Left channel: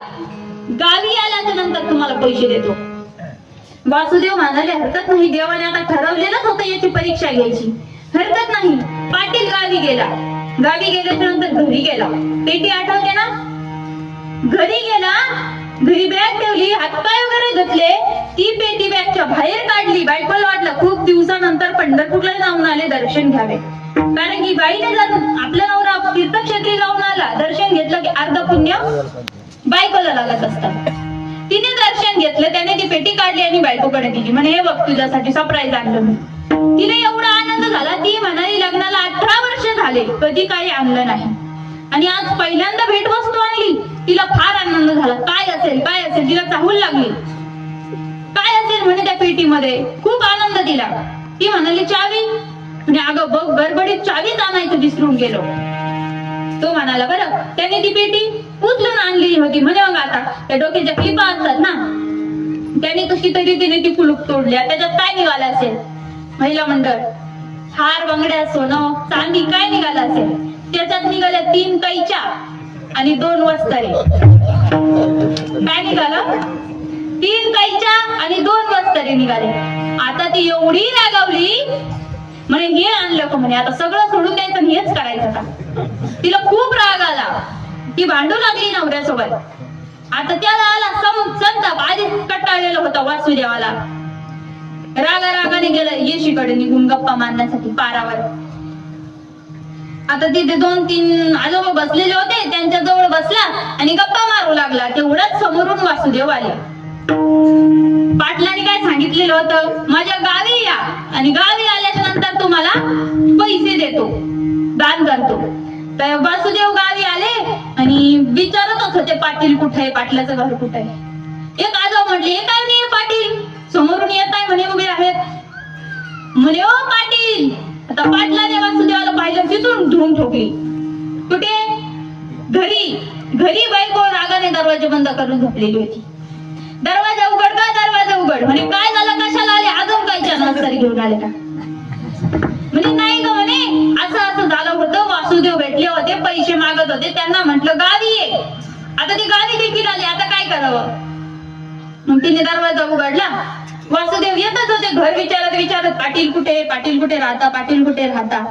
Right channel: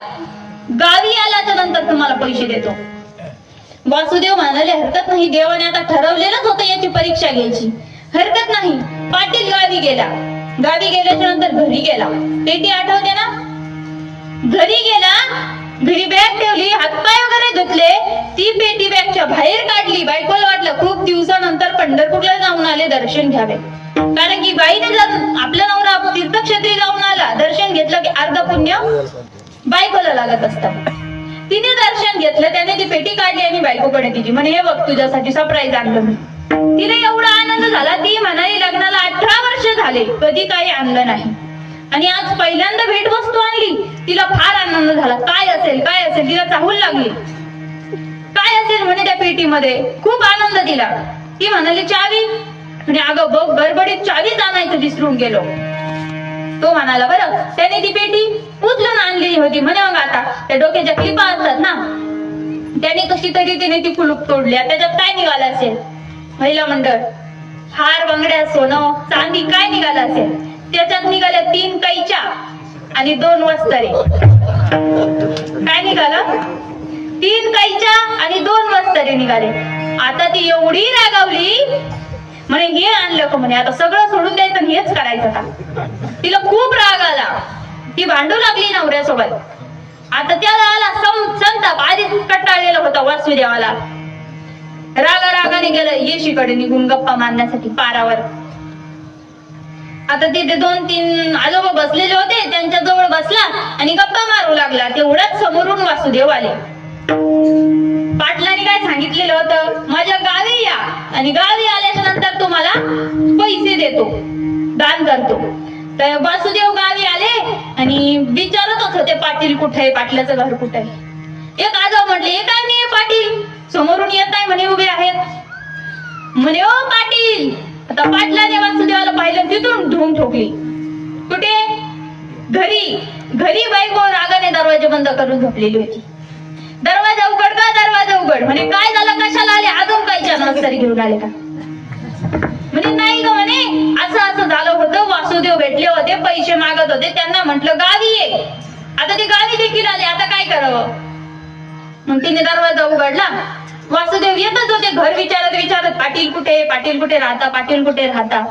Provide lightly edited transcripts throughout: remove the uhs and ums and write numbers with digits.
गावी आल्याच्या नंतर तुम्हाला पैसे देतो. वासुदेव म्हणाले हरकत नाही, देवाने आता ठरवलेलंच होतं याची परीक्षा घ्यायची, हरकत नाही. पाटील गावी गेला. गावी गेल्याच्या नंतर घरी गेला. पेटी आठवते ना? घरी गेला, घरी बॅग ठेवली, हातपाय वगैरे धुतले, ती पेटी बॅगच्या बाहेर काढली. बायकोला वाटलं खूप दिवसानंतर पंढरपूरला जाऊन आले, दर्शन घ्यावे. कारण की बाईने जर आपला नवरा तीर्थक्षेत्री जाऊन आला, दर्शन घेतलं की अर्ध पुण्य बायकोला लागत असतात. तिने दर्शन घेतलं, त्याने ती पेटी काढली आणि बायकोकडे दिली. म्हणे हे बघ तुझ्यासाठी सरप्राईज आणलं मी. तिला एवढा आनंद झाला, ती म्हणाली लग्नाला 18 वर्ष झाले, कधी काही आणलं नाही आणि आज पहिल्यांदा भेटवस्तू आणली. तिला फार आनंद झाला. काय असेल काय असेल, तिला चाहूल लागली. काय असेल म्हणे त्या पेटीमध्ये. खूप आनंद दिला. ती म्हणाली चावी. म्हणजे अगं बघ, गडबडीत चावीच आणायचं विसरून गेलो. तो म्हणाला बरं, त्याने ती पेटी उचलून आणली होती. म्हणे मग आता त्या डोक्याच्या क्लिपा असतात ना, त्याने कशी तरी तिने ती कुलूप तोडल्या. त्याच्यात काय निघालं असेल? महिला मंडळ, हार, बांगड्या, सोनं, चांदी काय निघालं असेल? त्याच्यात निघाल्या 3 कैच्या आणि 2 वस्त्रे. काय निघालं? 3 कैच्या आणि 2 वस्त्रे निघाले. आता ती एवढी रागावली, म्हणे हे आणलं का म्हणे, आता सगळं सोडून द्यायचं आणि हेच करायचं का? तिला खूप राग आला. ती भांडू लागली नवऱ्यासोबत. आता त्याला आला संताप. आधीच कटाळलेला होता वासुदेवाला. रागाने गेलं येशीकडे निघून गप्पा मारण्यासाठी पारावर. आता तिथे 2-3 आजोबा बसलेले होते, त्यांच्या जवळ बसला आणि गप्पा मारू लागला. तेवढ्याच समोरून वासुदेव आले. पाटलांनी काय सांगितलेलं होतं? माझ्या गावी या आणि गावी आल्याच्या नंतर तुम्हाला पैसे देतो, दान करतो. तर वासुदेव गावी आले आणि विचारतच होते पाटील कुठे आहे, पाटलाचं घर कुठे आहे. एक आजोबा म्हटले हे काय नाही पाटील, समोरून येत आहे म्हणे, उभे आहेत म्हणे. ओ पाटील. आता पाटलाने वासुदेवाला पाहिलं, तिथून धुवून ठोकली. कुठे? घरी बायको रागाने दरवाजा बंद करून झोपलेली होती. दरवाजा उघड का, दरवाजा उघड. म्हणे काय झालं, कशाला आले, अजून काय नर्सरी घेऊन आले का? म्हणे नाही ग म्हणे, असं झालं होतं, वासुदेव भेटले होते, पैसे मागत होते, त्यांना म्हटलं गावी ये. आता ते गावी देखील आले, आता काय करावं? मग तिने दरवाजा उघडला. वासुदेव येतच होते. घर विचारत पाटील कुठे, पाटील कुठे राहता, पाटील कुठे राहता.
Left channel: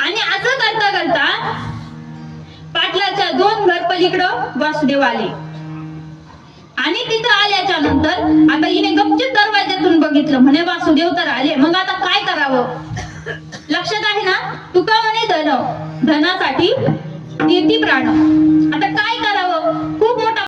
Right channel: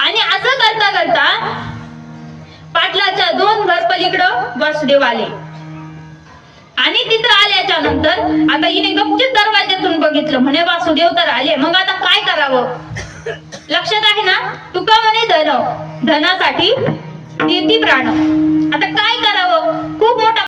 आणि असं करता करता पाटलाच्या 2 घर पलीकडं वासुदेव आले. आणि तिथं आल्याच्या नंतर आता हिने गपचित दरवाज्यातून बघितलं. म्हणे वासुदेव तर आले, मग आता काय करावं? लक्षात आहे ना? तुका म्हणे धनासाठी देती प्राण. आता काय करावं? खूप मोठा